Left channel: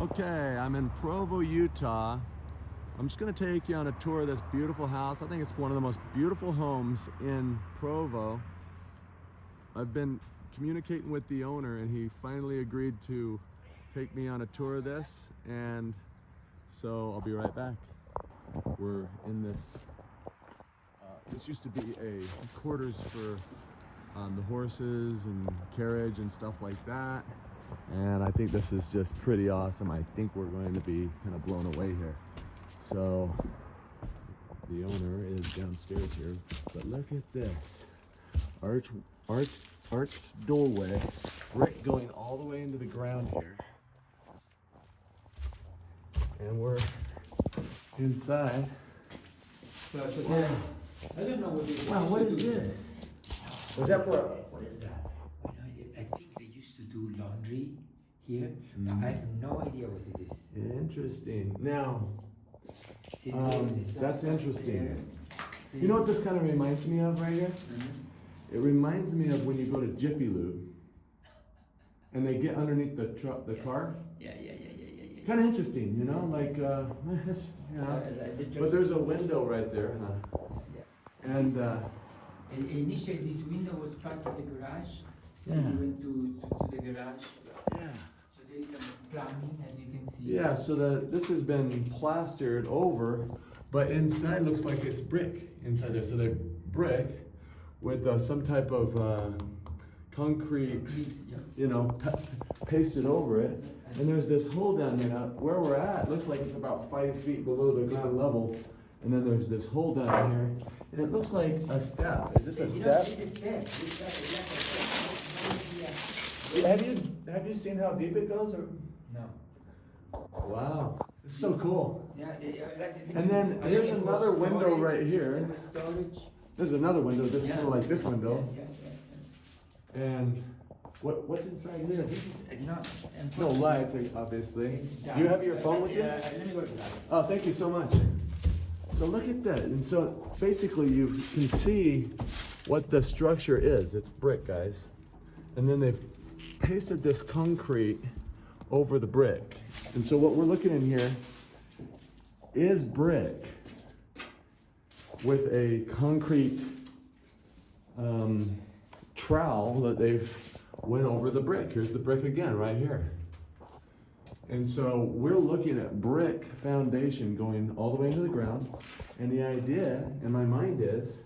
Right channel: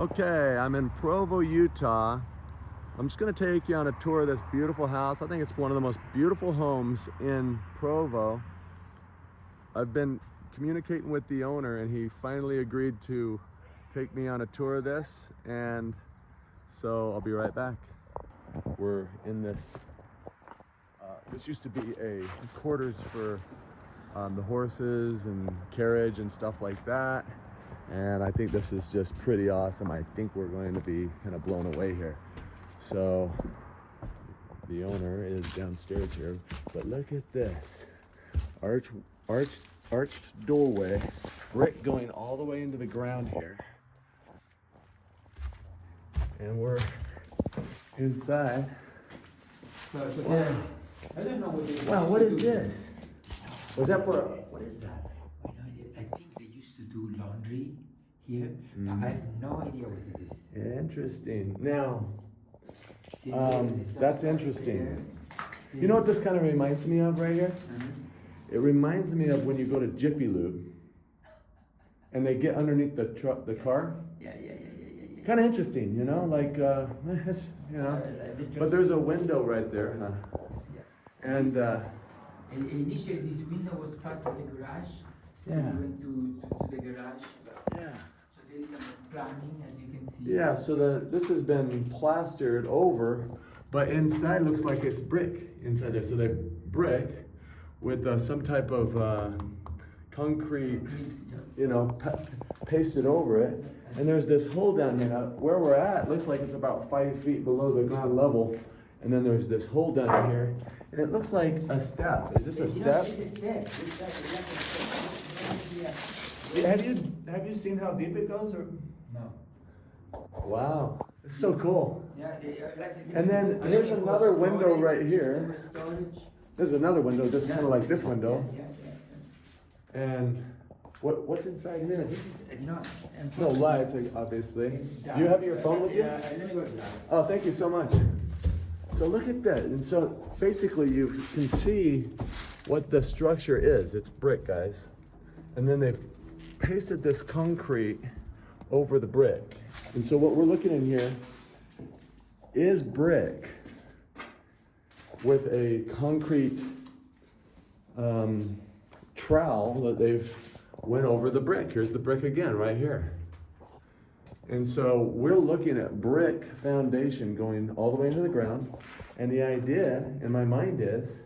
Okay, I'm in Provo, Utah. I'm just gonna take you on a tour of this beautiful house. I think it's one of the most beautiful homes in Provo. I've been communicating with the owner and he finally agreed to take me on a tour of this, and so I'll be right back. We're in this, this used to be a quarters for the horses and carriage and stuff like that. And I think this is just pretty awesome. I think we're going to be kind of blown away here. So the owner is downstairs here, but look at this arched doorway, brick going all the way into the ground here. And we're inside. Wow. I don't know what it is. Wow, what is this? Was that for, what is that? I think they used to do laundry here. I have no idea what it is. Interesting. Now, See, that's interesting. You know what this kind of reminds me of right here? It reminds me of when you go to Jiffy Lube and they get underneath the truck, the car. Yeah. Kind of interesting, you know, like, you know. But there's a window right there, huh? And initially, this window was part of the garage. Yeah. We went to the garage. yeah. So there is some plumbing, as you can see. Yeah, so this has been plastered over, but inside looks like it's brick inside there. So they're brick with some type of concrete, you know, pasted over it. And there's this hole down here. Now, where we're at looks like it's about 5 feet below the ground level. And then there's this hole down here, and it looks like a step. Is this a step? It's a step. Have you seen how deep it goes? Or? No. Wow, it's so cool. Yeah, And then here's another window right here. Storage. This is another window, just kind of like this window. Yeah. And what's inside here? This is, you know, No lights, obviously. Do you have your phone with you? Yeah, let me go to that. Oh, thank you so much. So look at that. And so basically you can see what the structure is. It's brick, guys. And then they've pasted this concrete over the brick. And so what we're looking in here is brick with a concrete trowel that they've went over the brick. Here's the brick again, right here. And so we're looking at brick foundation going all the way into the ground. And the idea in my mind is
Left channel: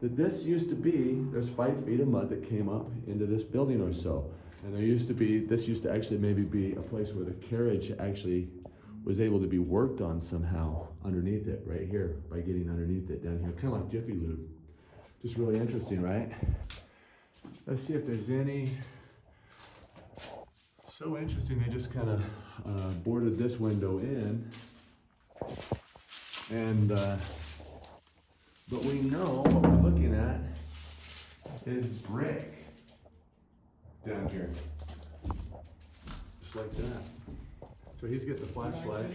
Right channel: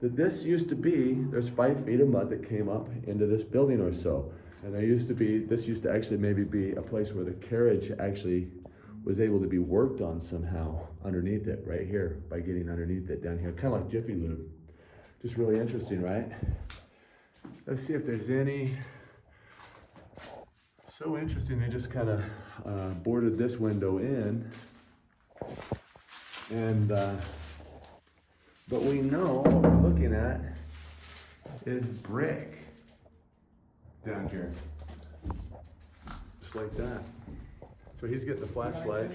that this used to be, there's 5 feet of mud that came up into this building or so. And this used to actually maybe be a place where the carriage actually was able to be worked on somehow underneath it, right here, by getting underneath it down here, kind of like Jiffy Lube. Just really interesting, right? Let's see if there's any. So interesting, they just kind of boarded this window in, and but we know what we're looking at is brick down here, just like that. So he's getting the flashlight.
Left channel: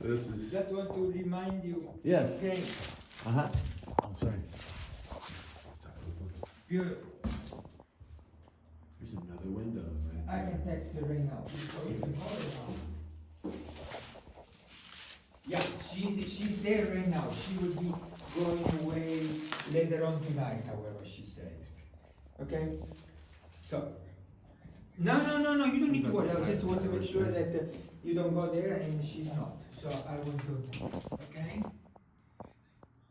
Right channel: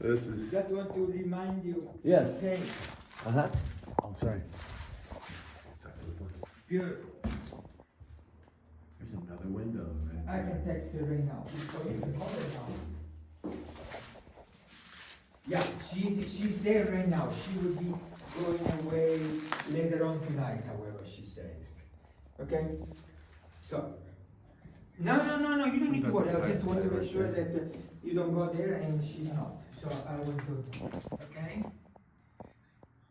This is. Just want to remind you. Yes. Okay. Oh, sorry. Beautiful. There's another window, right? I can text her right now. Yeah, she's there right now. She will be going away later on tonight, however she said. Okay? So, no, you don't need to worry. I just want to make sure that you don't go there and she's not. So I will go. Okay?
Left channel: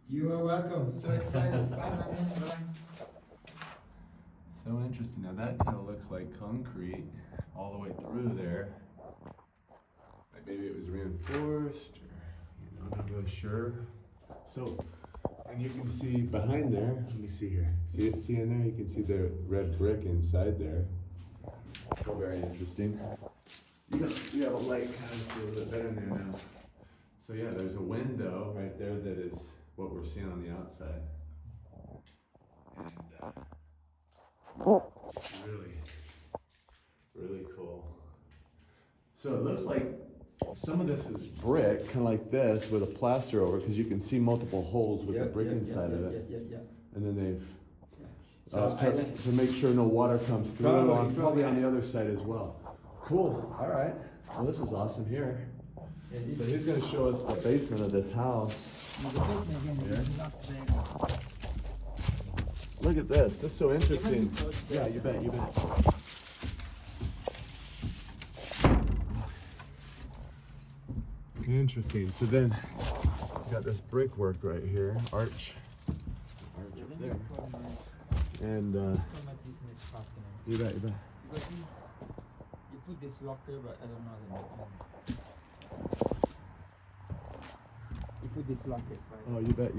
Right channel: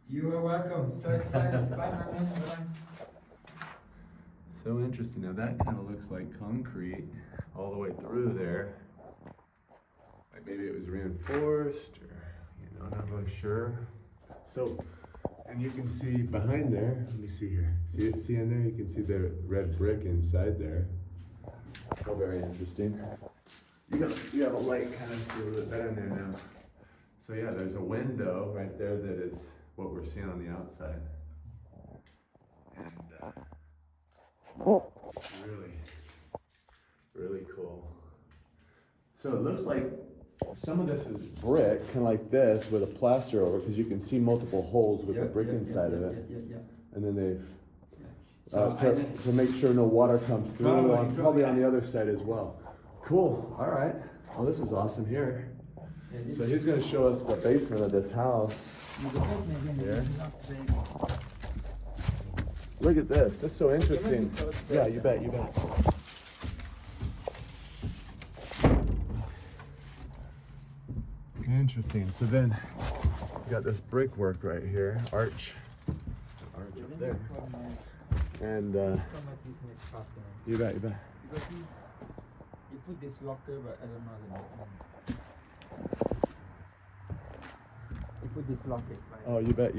You are welcome. So excited. Bye, my man. Bye. So interesting. Now that kind of looks like concrete all the way through there. Like maybe it was reinforced, or not really sure. So, and you can see behind there. Let me see here. See in there? You can see the red brick inside there. So very interesting. You have a light, kind of see a little bit better in there now. So yeah, there's a window right there that is what we're seeing on the outside. And really cool. So it looks like some of this is brick, kind of like this, with a plaster over, because you can see multiple holes with the brick inside of it. Yeah. And then they've to make sure no water comes through. Probably on the other side as well. Cool. All right. Oh, this is awesome here. So he's going to show us the basement of this house. Here. Look at this. This is so interesting. Yeah, you bet. You bet. Interesting. So then you got this brickwork right here, arch up there, and you bet. Because you put this locker, but I don't know the name. You put this locker. Right? Oh, you bet.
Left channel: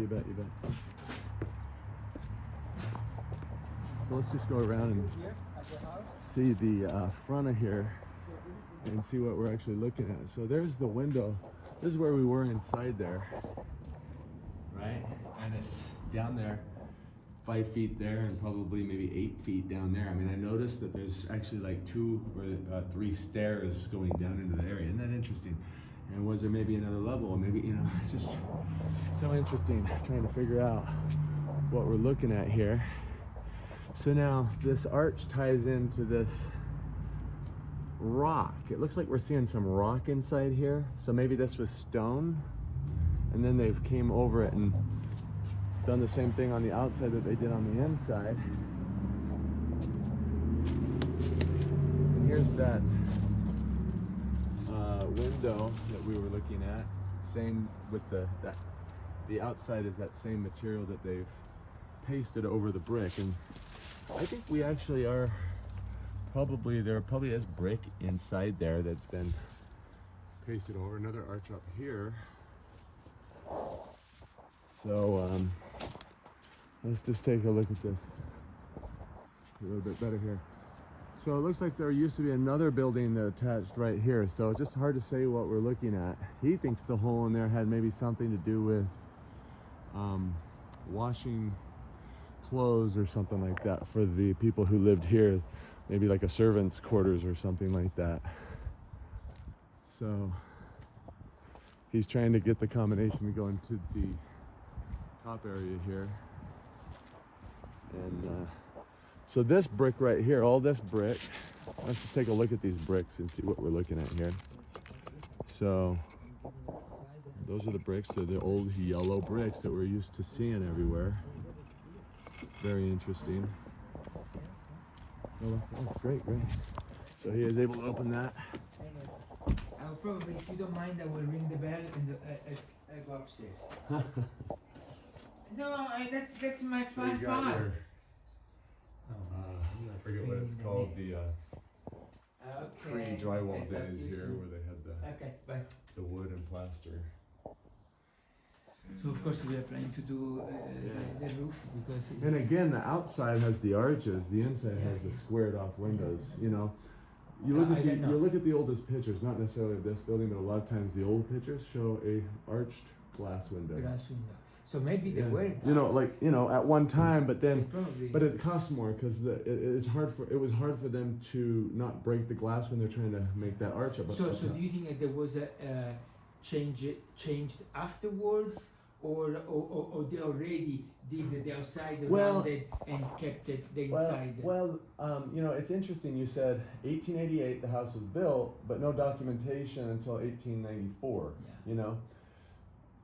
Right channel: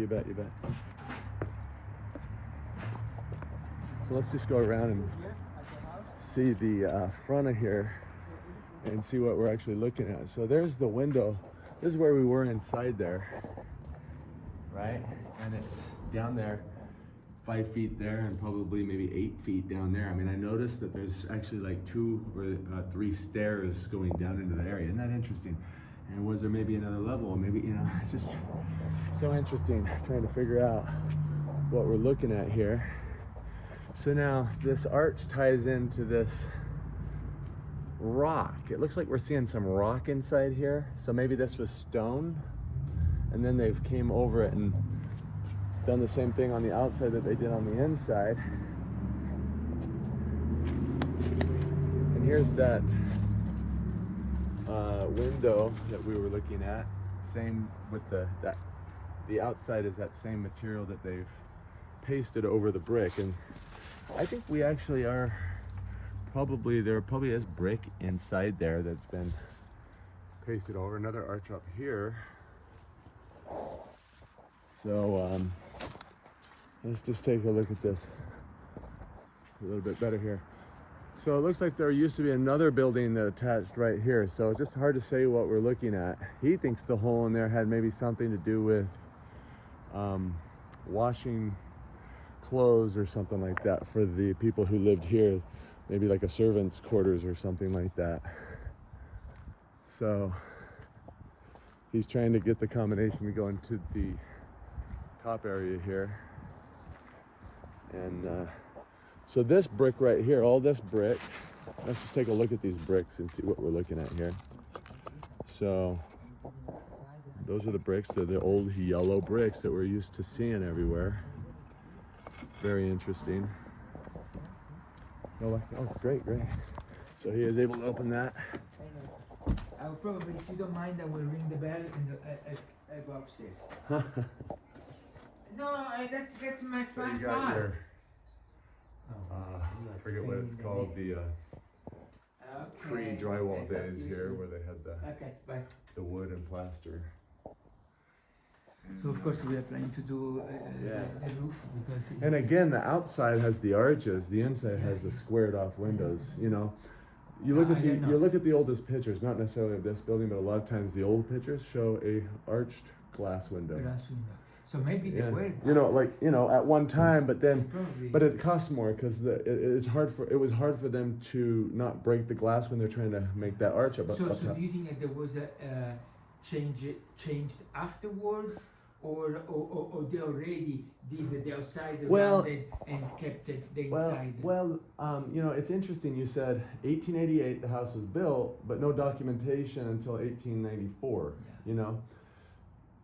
So let's just go around and see the front of here and see what we're actually looking at. So there's the window. This is where we were inside there, right? And it's down there, 5 feet there, and probably maybe 8 feet down there. I mean, I noticed that there's actually like 2 or 3 stairs going down into the area. Isn't that interesting? And was there maybe another level? Maybe, you know, it's just so interesting trying to figure out what we're looking at here. So now this arch ties into this rock. It looks like we're seeing some rock inside here. So maybe this was stone, and then they've came over it and done the same thing on the outside that they did on the inside. And here's that window that we were looking at. Same with the outside is that same material that they've pasted over the brick. And I think we actually are there probably is brick inside there that's been pasted over. Another arch up here. So let's just take a look at this a little bit better here. So it looks like there used to be another building that attached right here. So it's just hard to say what we're looking at. He thinks the hole in there had maybe something to do with washing clothes or something like that for the people who lived here. Maybe like a servant's quarters or something like that. So he's trying to get the combination to go into the top area here. And so this brick right here, all this brick, let's just take a look at these bricks and see what we're looking at here. So those are the bricks. They're the old yellow bricks that we're used to seeing everywhere. Very interesting. Oh, great. So he is able to open that. I'll probably, if you don't mind, I will ring the bell and I go upstairs. No, that's my So you got your, I forget what it's called, the pre-drywall days here where they had the wood and plaster. So of course we are planning to do the roof. And again, the outside has the arches, the inside has the squared off windows. You know, you look at the oldest pictures, not necessarily of this building, but a lot of times the old pictures show a arched glass window. So maybe they were. You know, like, you know, at one time, but it costs more because it was hard for them to not break the glass when they're trying to make that arch up. So do you think that there was a changed afterwards? Or they already did the outside around it and kept it the inside? Well, you know, it's interesting. You said 1888 the house was built, but no documentation until 1894. Yeah. You know,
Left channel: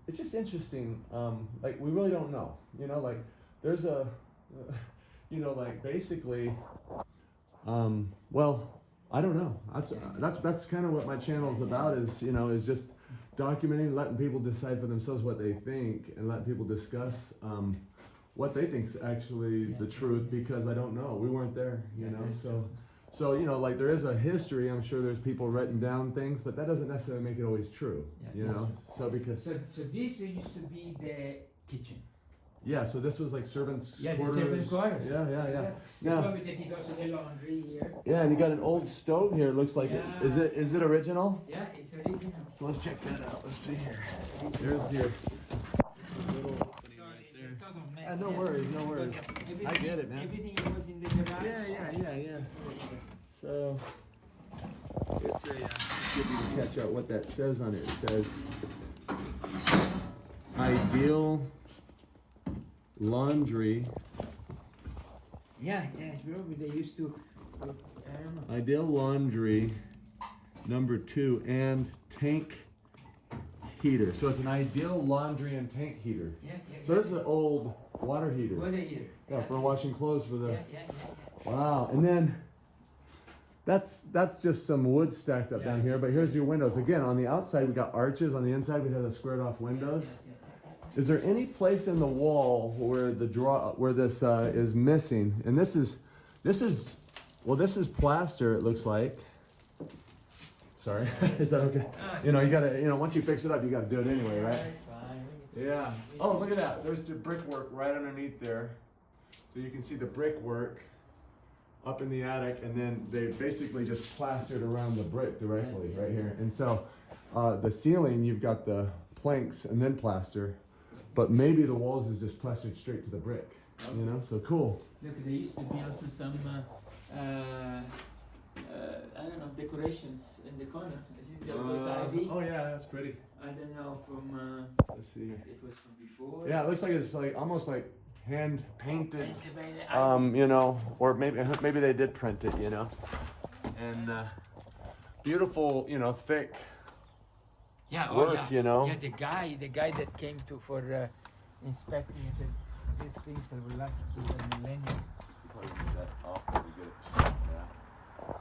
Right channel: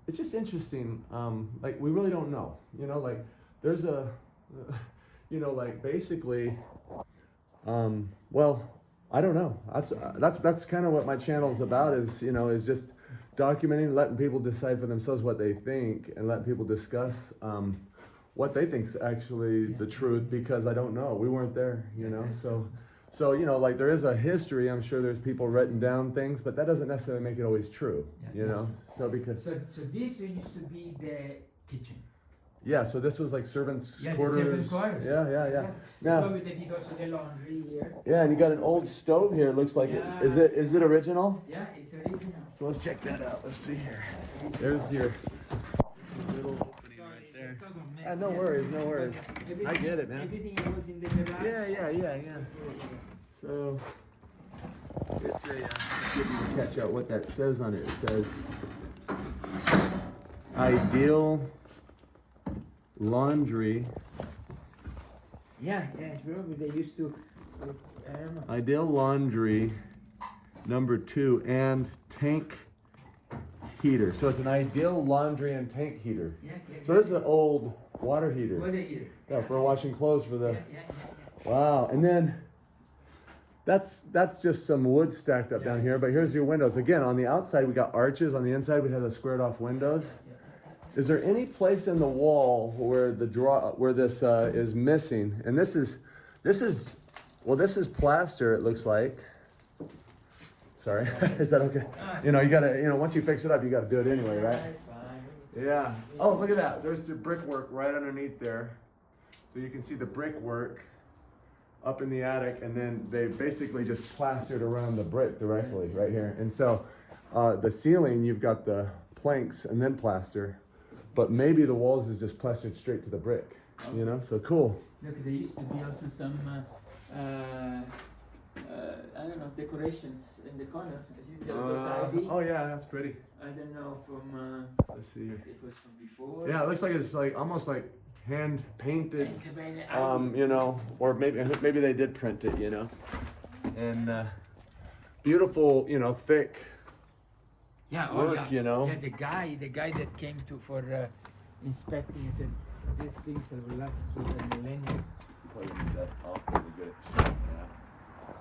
it's just interesting. Like we really don't know. You know, like there's a, you know, like basically, well, I don't know. That's kind of what my channel is about. Is, you know, is just documenting, letting people decide for themselves what they think, and letting people discuss what they think's actually the truth, because I don't know. We weren't there, you know. So you know, like there is a history. I'm sure there's people writing down things, but that doesn't necessarily make it always true, you know. So because so this used to be the kitchen. Yeah, so this was like servants' quarters. Servants' quarters. Yeah. Now, probably that he goes to the laundry here. Yeah, and you got an old stove here. It looks like it. Is it original? Yeah, it's original. So let's check that out. Let's see here. There's your little opening right there. No worries. I get it, man. Everything was in the garage. Yeah. So it's a. See if you can catch out what that says on it. It says ideal laundry Yeah, probably they used to. I don't know. Ideal laundry, number 2, and tank heater. So it's an ideal laundry and tank heater. Yeah. So this is an old water heater. Water heater. Yeah, for washing clothes for the. Yeah. Wow, and then that's just some wood stacked up down here. But here's your windows. Again, on the outside we got arches. On the inside we have the squared off windows. Is there any place in the wall where this is missing? And this is plaster. It looks like. Sorry, is that okay? You know, you gotta, once you fix it up, you gotta do it anyway, right? Yeah. Oh, look at that. There's the brickwork right underneath there. So you can see the brickwork up in the attic, and then they basically just plastered around the brick directly right here. And so the ceiling, you've got the planks and then plaster, but maybe the walls is just plastered straight to the brick, so cool. Look, there used to be also some, I don't know, decorations in the corner. Oh yeah, that's pretty. I don't know from, Let's see here. it was from before. Yeah, it looks like it's like almost like hand painted, Painted. or maybe they did print it, and beautiful, thick work, Yeah, the guy that came for inspecting said these things will last through the millennium.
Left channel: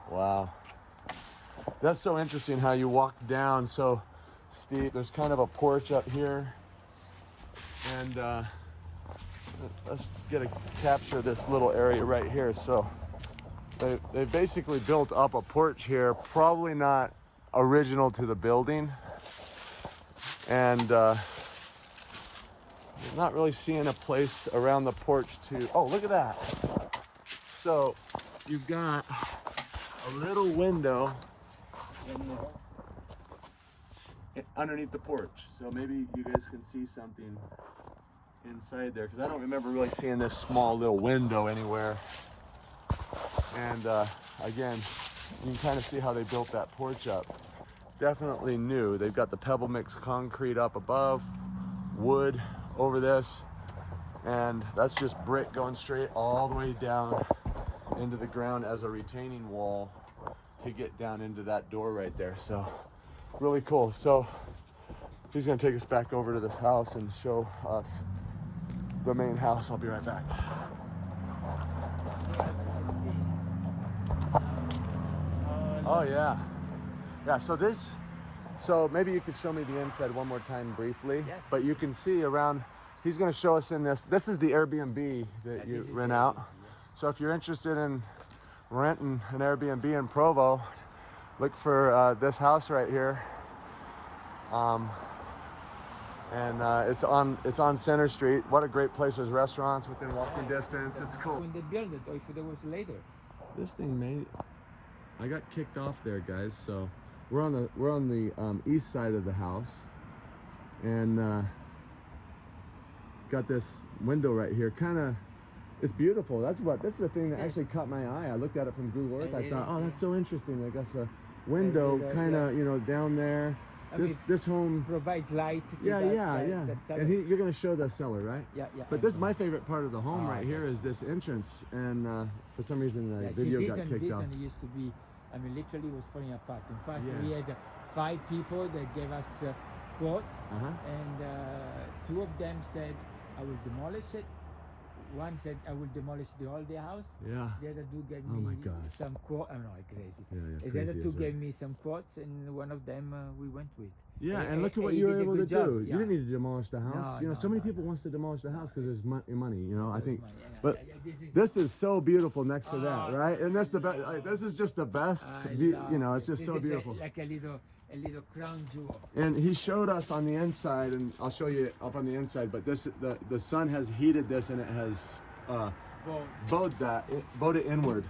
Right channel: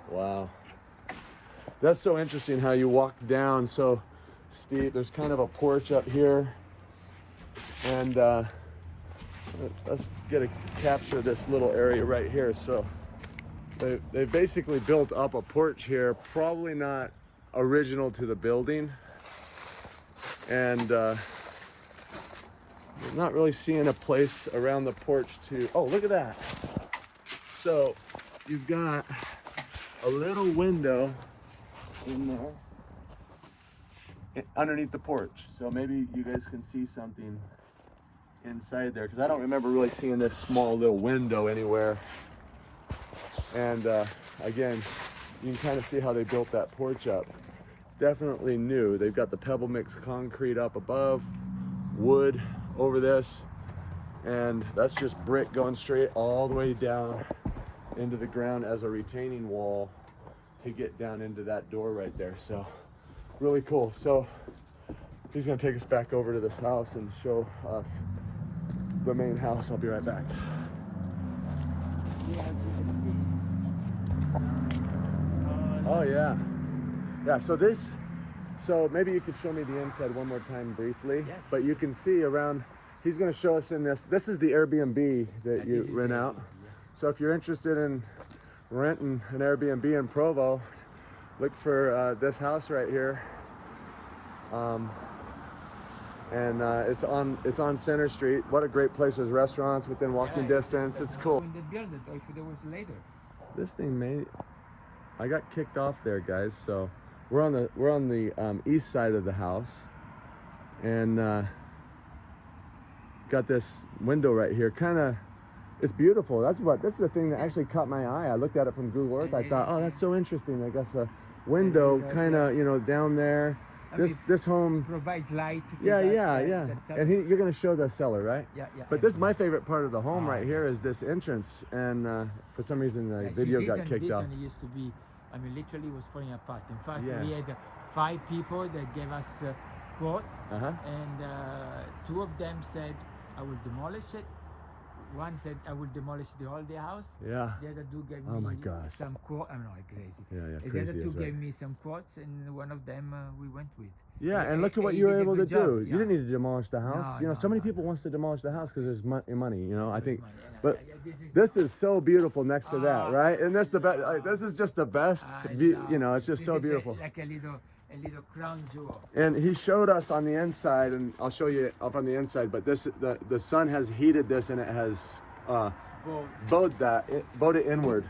Wow, that's so interesting how you walk down so steep. There's kind of a porch up here, and let's capture this little area right here. So they basically built up a porch here, probably not original to the building, and not really seeing a place around the porch to. Oh, look at that! So you've got a little window in there underneath the porch, so maybe you guys can see something inside there, because I don't remember really seeing this small little window anywhere. And again, you can kind of see how they built that porch up. It's definitely new. They've got the pebble mix concrete up above, wood over this, and that's just brick going straight all the way down into the ground as a retaining wall to get down into that door right there. So really cool. So he's gonna take us back over to this house and show us the main house. I'll be right back. Oh yeah. So maybe you could show me the inside one more time briefly. Yes. But you can see around, he's gonna show us in this is the Airbnb that you rent out. So if you're interested in renting an Airbnb in Provo, look for this house right here. And it's on Center Street. What a great place. There's restaurants within walking distance. It's cool. When they built it, or if it was later. This thing I got kicked off there, guys. So we're on the east side of the house, and got this window right here. It's beautiful. This is the thing that actually caught my eye. I looked at it from Google Earth. I thought, oh, that's so interesting. I guess a window kind of down there. This home provides light. Yeah. And you're gonna show the cellar, right? Yeah. But this is my favorite part of the home right here, is this entrance. And for some reason the video got kicked off. It used to be, literally was falling apart. In fact, we had 5 people that gave us a quote, and 2 of them said, I will demolish it. One said, I will demolish the whole house. Yeah. The other 2 gave Oh my me gosh. some quotes. I don't know, crazy. Yeah, The crazy. other 2 gave me some quotes, and one of them we went with. Yeah, and look at what you were able to do. Yeah. You didn't need to demolish the house. No, so many people wants to demolish the house because there's money. I think, but this is so beautiful next to that, right? And that's the best. This is just the best view. It's just so beautiful. Like a little crown jewel. And he showed us on the inside, and I'll show you up on the inside. But the sun has heated this, and it has bowed it inward.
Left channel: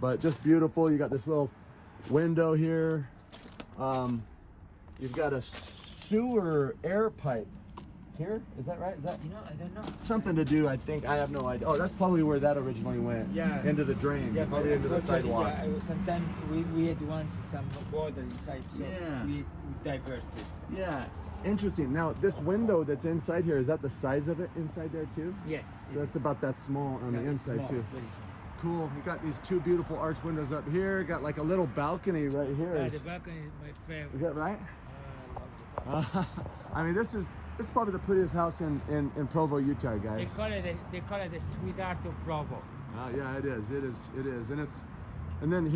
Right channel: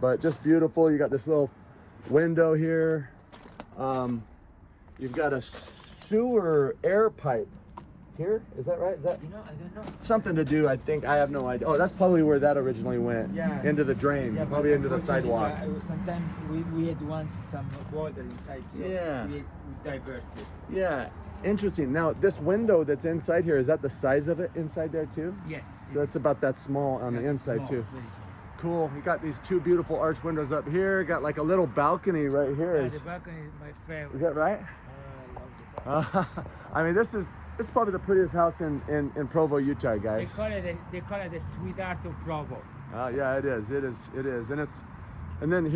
But just beautiful. You got this little window here. You've got a sewer air pipe here. Is that right? Is that I don't know. something to do? I think I have no idea. Oh, that's probably where that originally went. Yeah. Into the drain. Yeah, probably into the sidewalk. Sometimes we had once some water inside. So Yeah. We diverted. Yeah. Interesting. Now, this window that's inside here, is that the size of it inside there too? Yes. So that's about that small on the inside too. cool. You got these two beautiful arch windows up here. Got like a little balcony right here. The balcony is my favorite. Is that right? I love the balcony. I mean, this is probably the prettiest house in Provo, Utah, guys. They call it the sweetheart of Provo. Yeah, it is, and then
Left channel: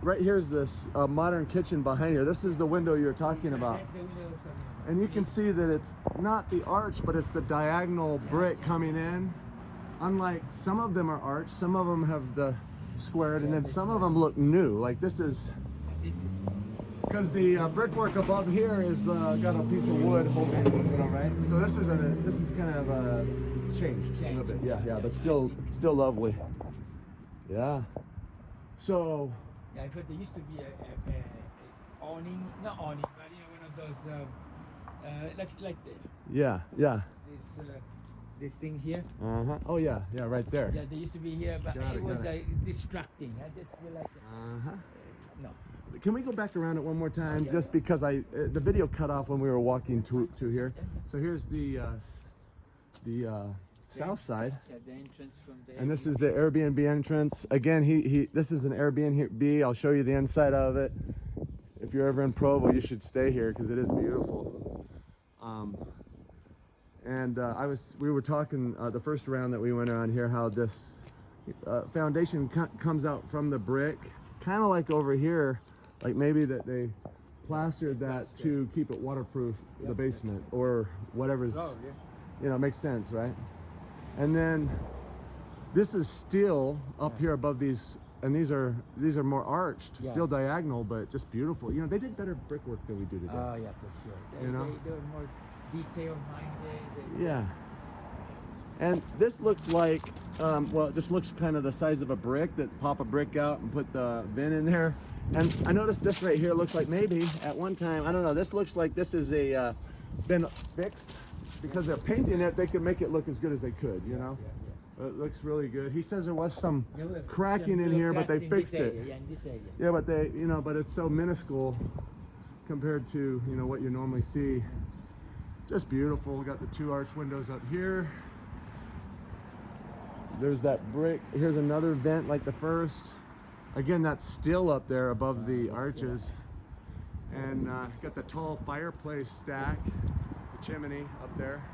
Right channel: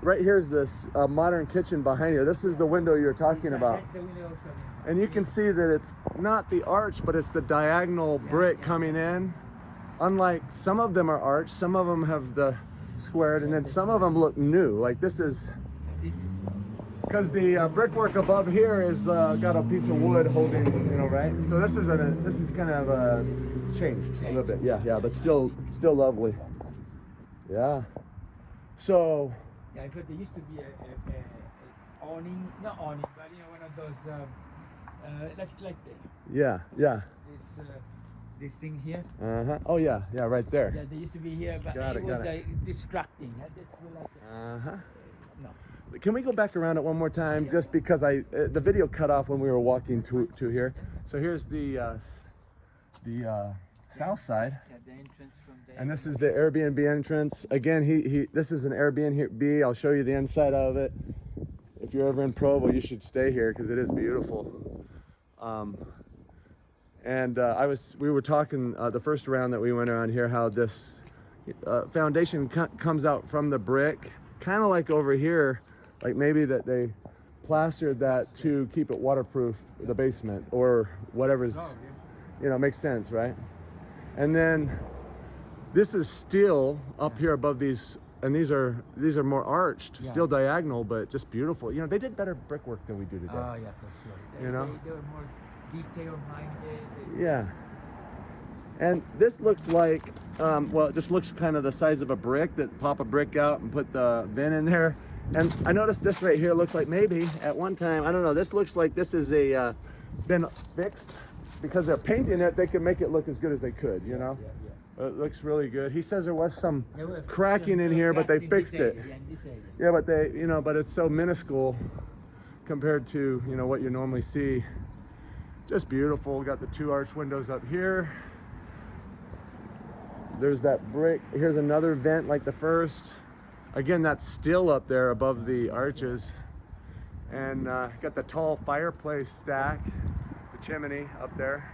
right here's this modern kitchen behind here. This is the window you were talking about. That's the window from And you can see that it's not the arch, but it's the diagonal brick coming in. Unlike some of them are arched, some of them have the squared, and then some of them look new. Like this is, because the brickwork above here is got a piece of wood holding, you know, right? So this is kind of changed a little bit, yeah, but still lovely. Yeah. So. Yeah, I thought there used to be a awning, not awning, but you know, one of those like Yeah. this thing here. Oh yeah, right there. Yeah, they used to be here, but it was distracting. I just feel like no. Can we go back around it one more time? Just because the video cut off when we were walking to here. So here's the south side. Yeah, the entrance from there. And this is the Airbnb entrance. Again, this is an Airbnb. I'll show you the inside of it. If you're ever in Provo, you should stay here because it is beautiful. We were talking the first round that we went around here how this foundation comes out from the brick, kind of like over here, like maybe that they plastered that to keep it waterproof, the basement or whatever's, you know, makes sense, right? And then this is steel up here above these, and these are more arched, still diagonal, but just beautiful. You know, they did better brickwork than we do today. Oh yeah, for sure. You know? They were more detail-minded. Yeah. And this looks like, well, it just looks kind of the size of a brick, that pop a brick out and put the vent in there. And I noticed this right here looks like maybe at one time, I don't know, this looks like this is been fixed. Because they're painting it, they can make it look as good as they could, you know? It looks really good. He says there was some cracking in here, but they fixed it. Yeah, but but it's so minuscule compared to, you know, what you normally see. Just beautiful. Got the two arch windows up here. There's that brick. Here's another vent like the first. Again, that's still up there above the arches. And got the tall fireplace stack, the chimney up there.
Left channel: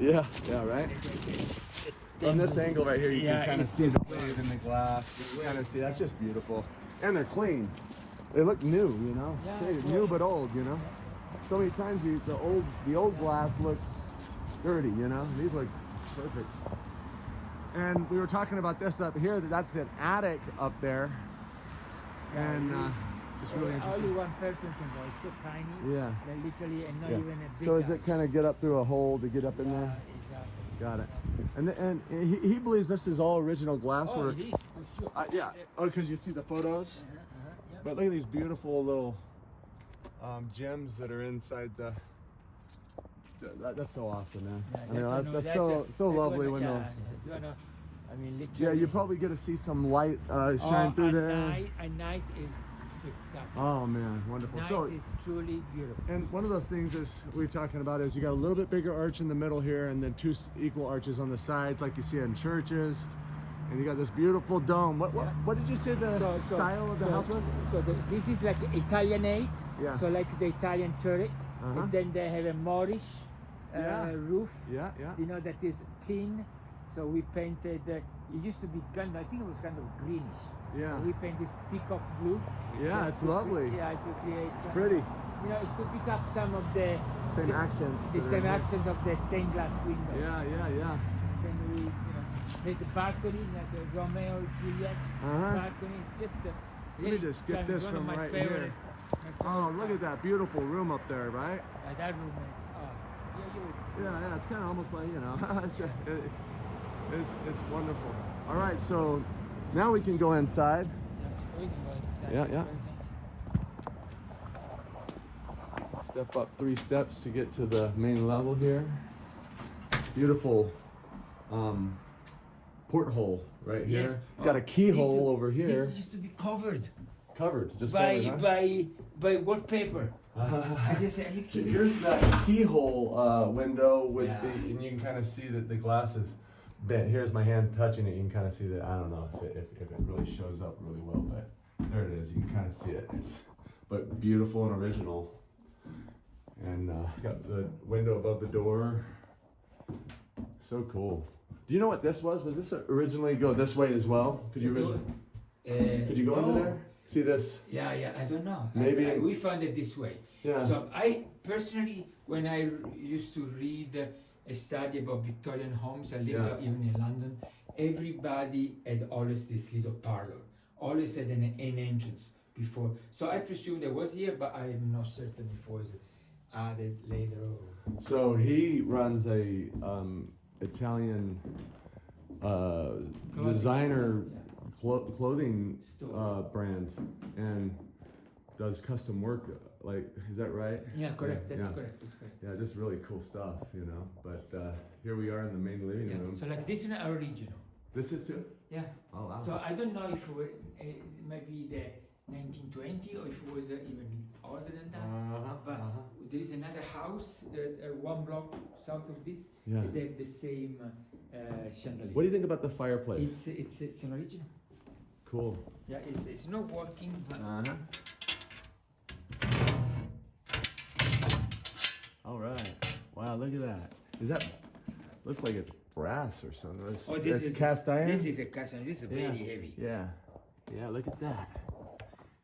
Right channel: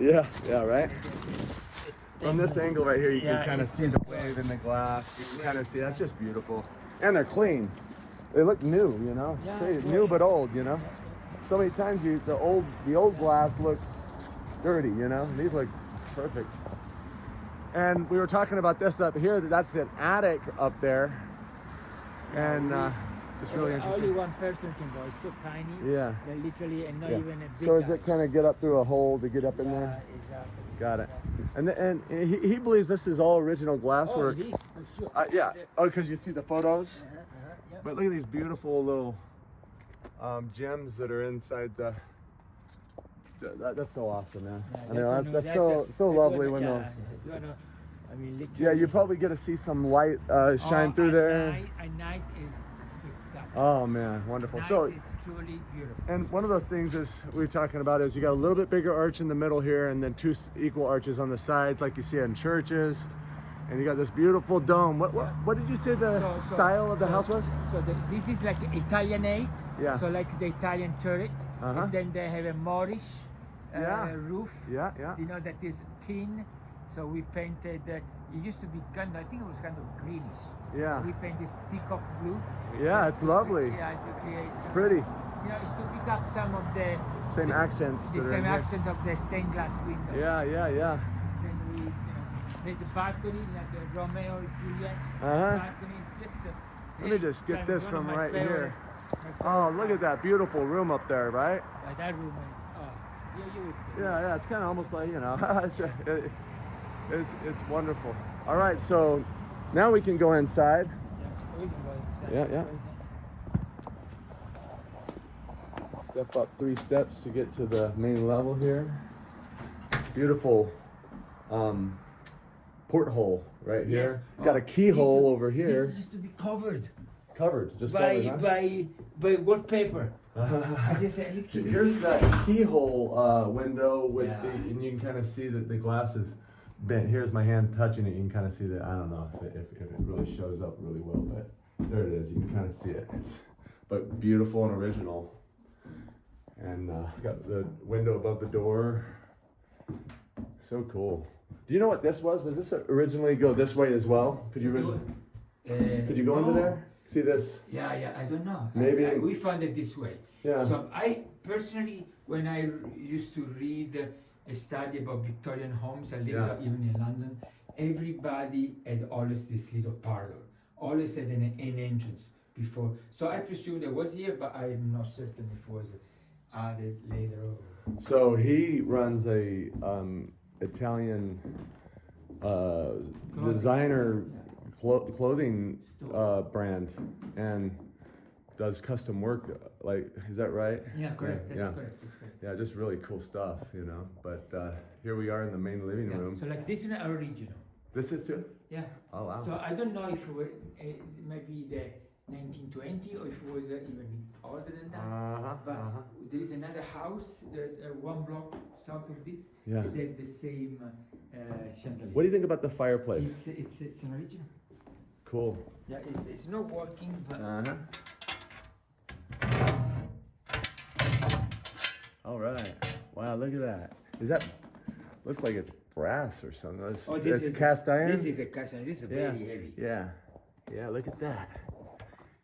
Yeah, right? From this angle right here, you can kind of see the wave in the glass. You can kind of see, that's just beautiful. And they're clean. They look new, you know? It's crazy. New but old, you know? So many times the old glass looks dirty, you know? And these look perfect. And we were talking about this up here, that's an attic up there. And just really interesting. Only one person can go, it's so tiny. Yeah. They're literally, and not even a big So is house. it kind of get up through a hole to get up in there? Exactly. Got it. And he believes this is all original glasswork. Oh, it is, for sure. Yeah. Oh, because you see the photos? Yeah. But look at these beautiful little gems that are inside the. That's so awesome, man. That's so lovely when those. I mean, literally. Yeah, you probably get to see some light shine through there. At night is spectacular. Oh man, wonderful. Night So. is truly beautiful. And one of those things is we were talking about is you got a little bit bigger arch in the middle here, and then two equal arches on the sides, like you see in churches. And you got this beautiful dome. What did you say the style of the house was? So this is like Italianate. Yeah. So like the Italian turret. Uh-huh. And then they have a Moorish roof. Yeah. You know that is tin. So we painted. It used to be kind. I think it was kind of greenish. Yeah. We painted this peacock blue. Yeah, it's lovely. Yeah, it's okay. It's pretty. You know, it's to pick up some of the Same accents. the that are in same here. accent of the stained glass window. Yeah. Then we, there's a balcony, like the Romeo and Juliet Uh-huh. balcony. It's just a, Let me just get this from right here. my Oh, favorite look at that beautiful room up there, right? part. That room is, you will see. Yeah. It's kind of almost like, you know, it's wonderful. All right, so now we can go inside. We can go inside. Yeah. Step up 3 steps to get to the main level here. Beautiful porthole right here. Yes. Got a keyhole over This here. used to be covered Just by covered, huh? by wallpaper. I just said, are you kidding? Here's that keyhole window with Yeah. and you can kind of see that the glass is bent. Here's my hand touching it. You can kind of see that. I don't know if it really shows up really well, but there it is. You can kind of see it. But beautiful and original. And got the window above the door. So cool. Do you know what this was? Was this originally go this way as well? Could you go into there? See this? Yeah, I don't know. Maybe we found it this way. Yeah. So I personally, when I used to read a study about Victorian homes, I lived even in London, everybody had always this little parlor, always had an entrance before. So I presume there was here, but I'm not certain if it was added later. So he runs a Italian designer clothing brand and does custom work. Like, is that right? Yeah, correct. Yeah, That's correct. yeah, just really cool stuff, you know. But here we are in the main living room. So like this is original. This is too? Yeah. Oh wow. So I don't know if it were maybe the 1920 or if it was even older than that. But there is another house that one block south of this. Yeah. They have the same chandelier. What do you think about the fireplace? It's an original. Cool. Yeah, it's not working. But All right. Wow, look at that. Is that? Looks like it's brass or something. This it's is cast iron. This is a cast iron. This is very heavy. Yeah. Yeah. Look at that.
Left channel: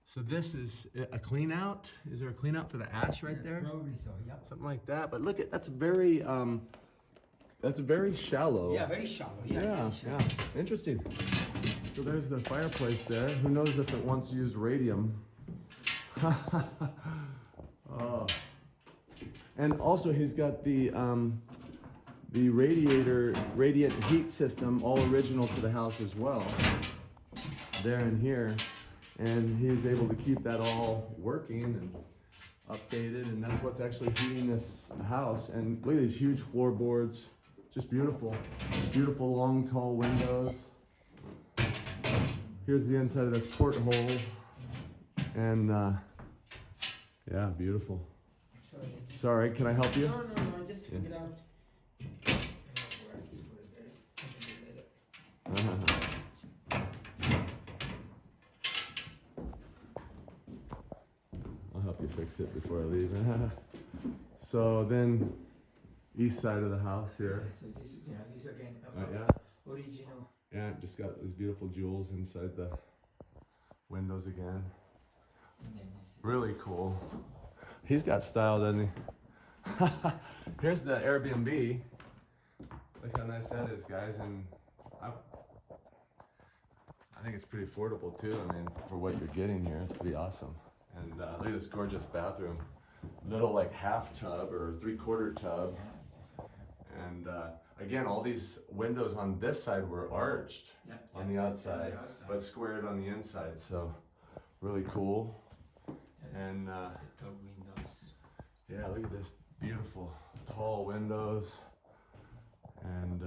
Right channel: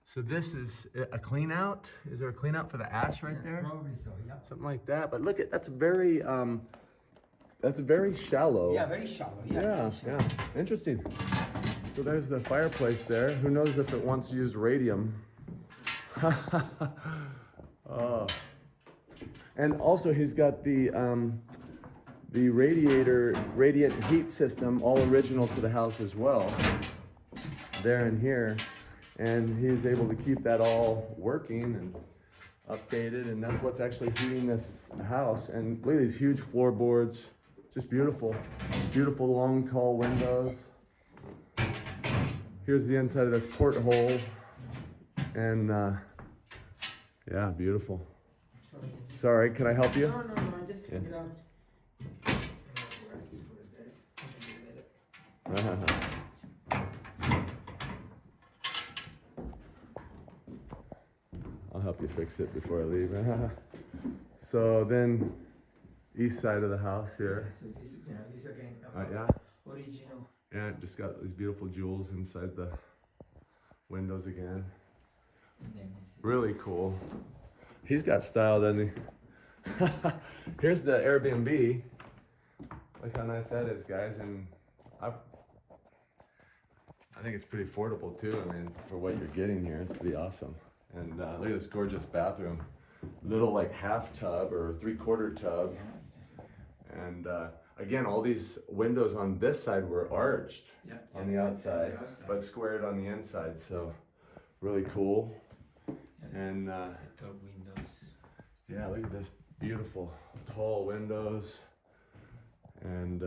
So this is a clean out. Is there a clean out for the ash right there? Probably so. Yeah. Something like that. But look at that's very shallow. Yeah, very shallow. Yeah. Yeah. Very shallow. Yeah. Interesting. So there's the fireplace there. Who knows if it wants to use radium? Oh. And also he's got the radiant heat system, all original to the house as well. There and here. And he's able to keep that all working and updated, and that's what's actually heating this house. And look at these huge floorboards, just beautiful. Beautiful long tall windows. Here's the inside of this porthole. And yeah, beautiful. Sorry, can I help you? No, I just figured out. I'll help you fix it before I leave. So then, east side of the house here. So this again. Yeah. Original. Yeah, just got these beautiful jewels inside the windows again. And then this is Really cool. He's got style, doesn't he? Here's the Airbnb. Look how nice that is, guys. And I think it's pretty affordable too. I mean, for what you're getting here, it's pretty awesome. And look at this gorgeous bathroom. Little like half tub or 3/4 tub. And again, all these windows on this side were arched on the outside, but squared on the inside. So really cool. And the top windows. yeah, look at this beautiful tall windows. And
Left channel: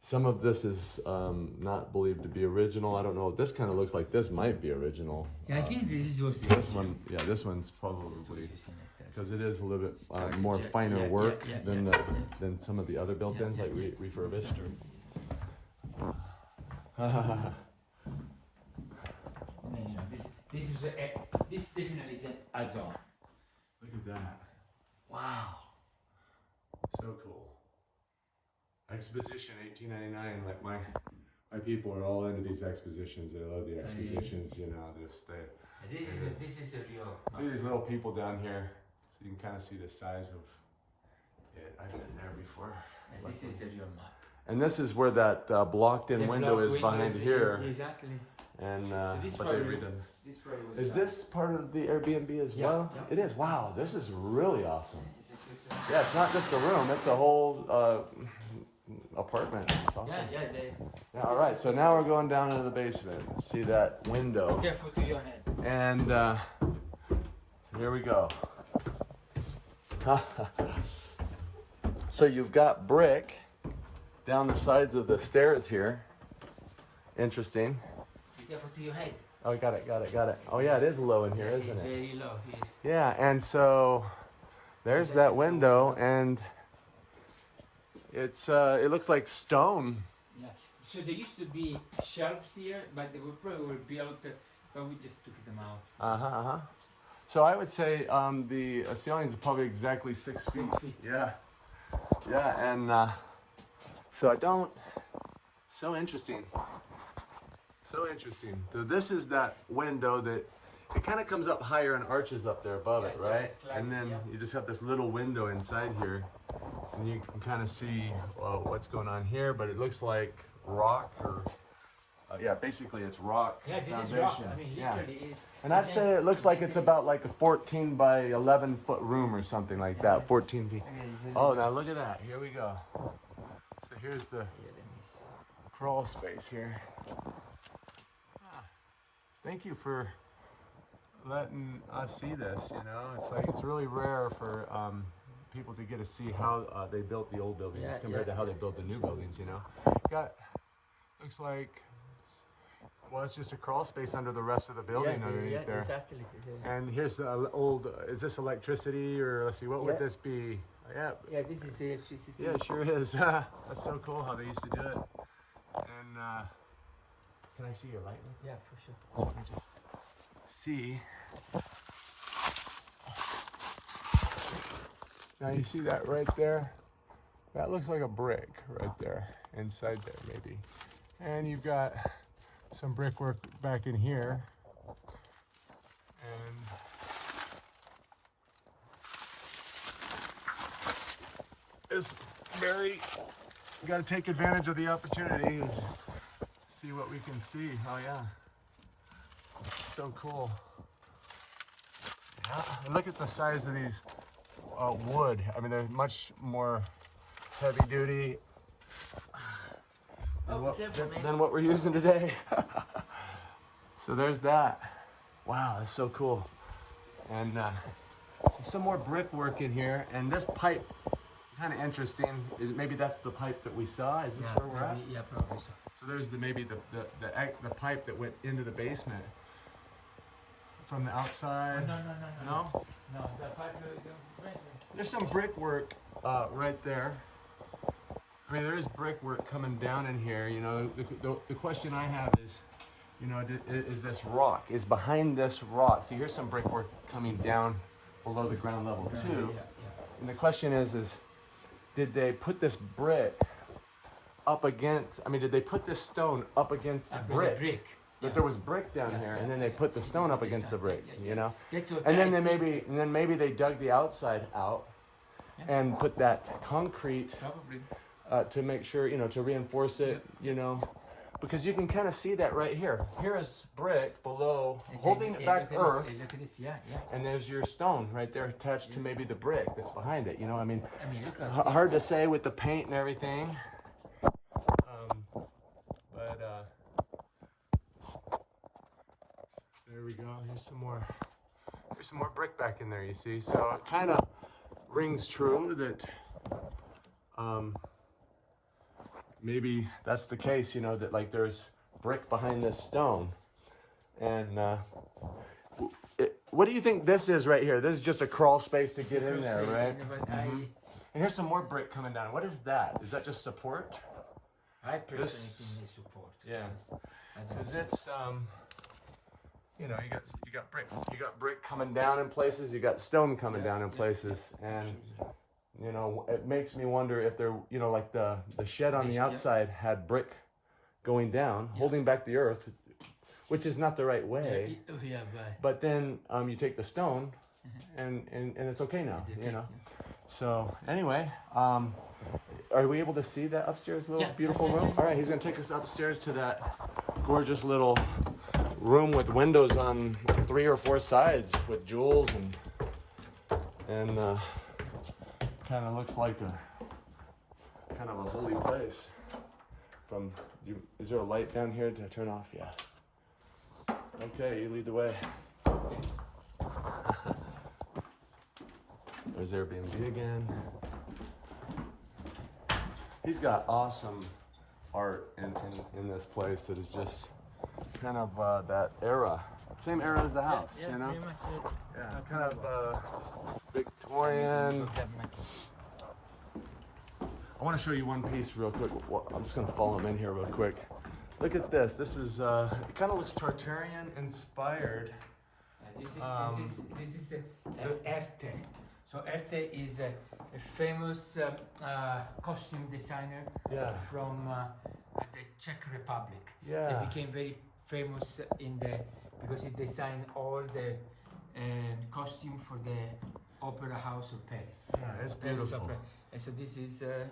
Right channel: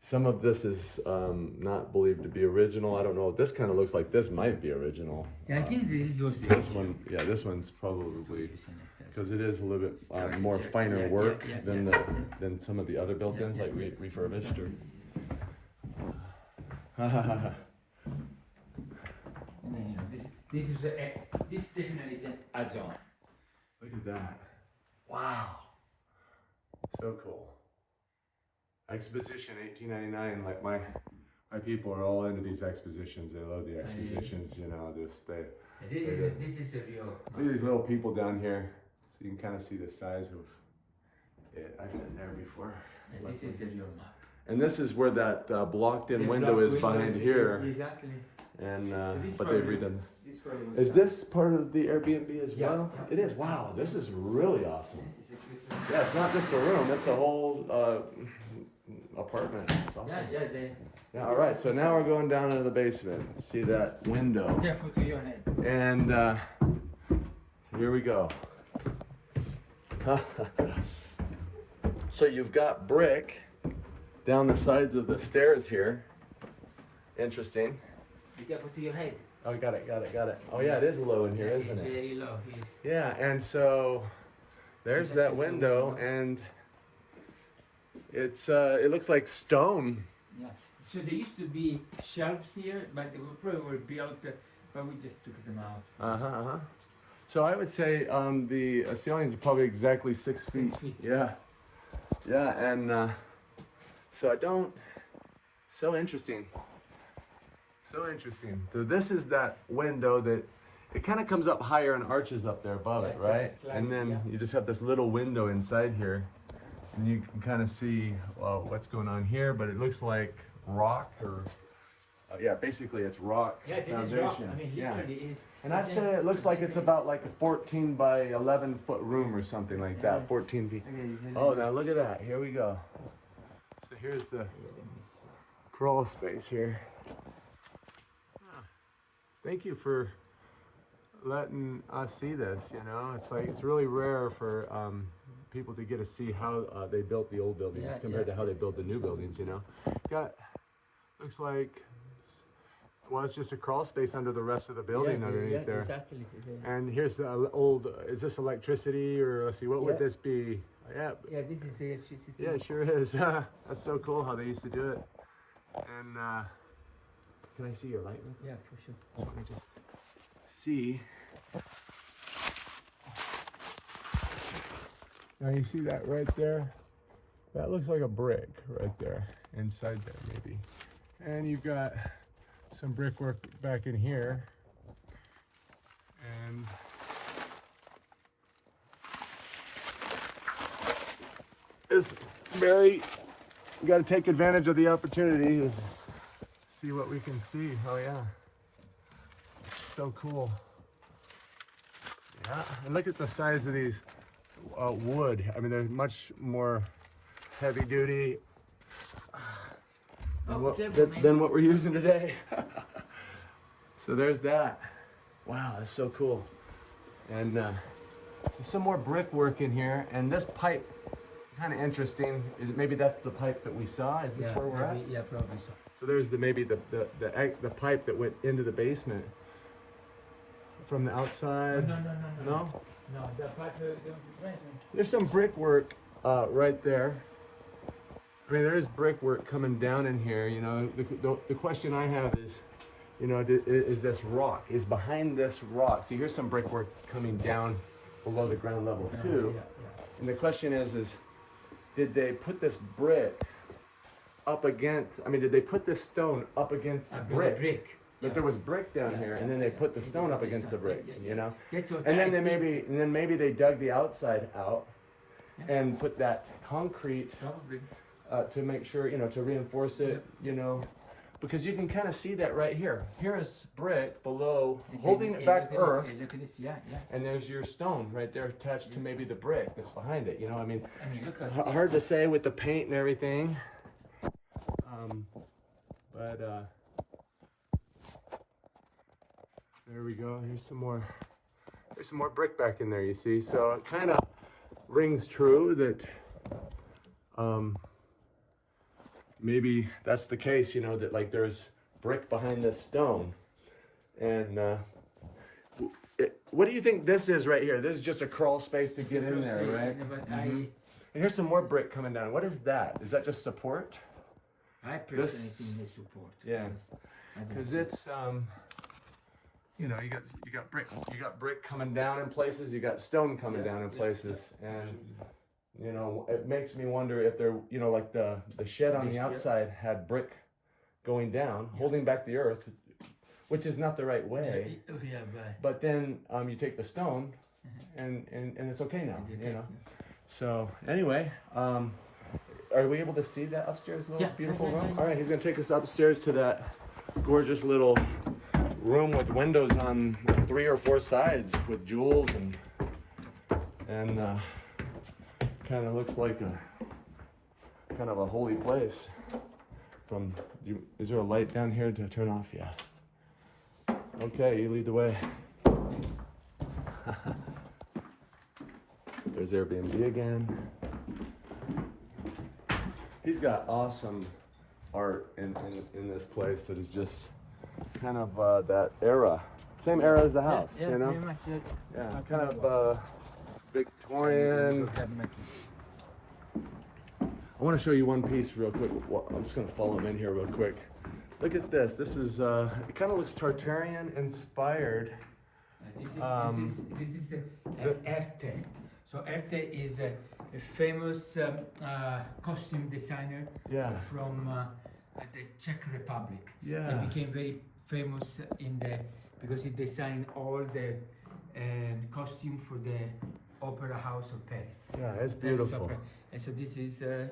some of this is not believed to be original. I don't know. This kind of looks like this might be original. Yeah, I think this was the This one, yeah, this one's probably because it is a little bit more finer work than some of the other built-ins, like refurbished. Or... And then, you know, this definitely is an add-on. Look at that! Wow, so cool. Exposition 1899. Like my people are all into these expositions. They love the expositions. You know, this is a real. Look at these little people down here, so you can kind of see the size of it. I've been there before. Yeah, this is a real map. And this is where that blocked-in window is behind here. Exactly. And but they've redone this. This Is this part of the Airbnb as well? Yeah. It is. Wow, this is really awesome. Yeah, it's not just a room; it's a whole apartment. It's awesome. Yeah. All right. So now we're going down into the basement. See that window? Careful to your head. And here we go. So you've got brick down the sides of the stairs here. Interesting. Be careful to your head. Oh, got it. Oh yeah, it is low in here, isn't it? Very low. Yes. Yeah, and so there's that window, and It's it looks like stone. Yeah. So there used to be shelves here, but they probably were built, but we just took them out. So I would say the ceiling is probably exactly 6 feet. 6 feet. Yeah, yeah, and so I don't. So interesting. So interesting. So this is that window that it kind of comes up higher and arches up there above it, right? And then you just have this little window inside here, and you can kind of see what's going on here. But it looks like rock, or yeah, basically it's rock. Yeah, this foundation. is rock. I mean, literally it is. And I'd say it looks like it's about like a 14 by 11 foot room or something like that. 14 feet. Oh, now look at that. Here we go. So here's the crawl space here. Thank you for letting us see this. You know, it's like it's really rare for people to get to see how they built the old buildings compared to how they built the new buildings. You know, looks like. Well, it's just a crawl space under the rest of the building underneath there. Exactly. And here's the old, is this electricity, or let's see, what would this be? Yeah, this is electricity. Yeah, it sure is. That's so cool how they used to do it. And can I see your light? Yeah, for sure. So I just see. Now you see that right there? That looks like a brick right there, inside there maybe. And you've got some brickwork back in here, and it's very, you got to take advantage of the opportunity to see what we can see. Oh yeah, so cool. Yeah, and look at the size of these wood. I mean, they're much more heavy duty than what we're using today. So there's that. Wow, that's so cool. And so some more brickwork in here. And this pipe, kind of interesting. Is maybe that's the pipe that we saw? Is this where we're at? Yeah, probably so. So there's maybe the pipe that went into the basement from the outside. No, the pipe. There's some brickwork right there. I mean, there's brickwork coming down in here. You know, the question I have is, you know, is this rock? Is behind this rock? See, here's some brickwork coming down below the ground level too. And the question is, did they put this brick up against? I mean, did they put this stone up against brick? That there was brick down here, and then they put the stone up against the brick. You know, and then maybe they dug the outside out and put that concrete. To make sure, you know, to reinforce it, you know, because you can kind of see that right here. Here is brick below, holding it back earth, and there's your stone right there attached to maybe the brick that's behind it. You know, I mean hard to say with the paint and everything, but there we go. Here's some more brick back in there. You see, so it kind of rings true that. Maybe that's the case, you know, that like there's brick behind this stone. And what do you think this is right here? This is just a crawl space to get in there, right? And here's some more brick coming down. What is that? Is that just support? I personally think it's support. Yeah, because it's you know, you got brick coming down in places. You got stone coming down in places, and. You know, it makes me wonder if they're, you know, like the shed on the outside had brick going down, holding back the earth, which is not the right way. But then you take the stone, and it's okay now, you know. So anyway, are we able to see that upstairs little beautiful room? All right, he's gonna take us upstairs to that gorgeous little room with windows on 3 or 4 sides with jewels and kind of looks like a kind of a holy place. Is there a light down here to turn off? Yeah. Okay, you lead the way. There's Airbnb again. He's got awesome art in this place that is just kind of that era. Same era as the house, you know? Yeah, kind of Victorian. I want to show you one piece real quick. I'm just going to follow him in here real quick. Look at this. This is, it kind of looks Tartarian inspired. This is an Erte. So Erte is a famous costume designer from the Czech Republic. Yeah. He became very famous because he designed all the costume for the Opera House of Paris. Yeah, it's beautiful. And so this is a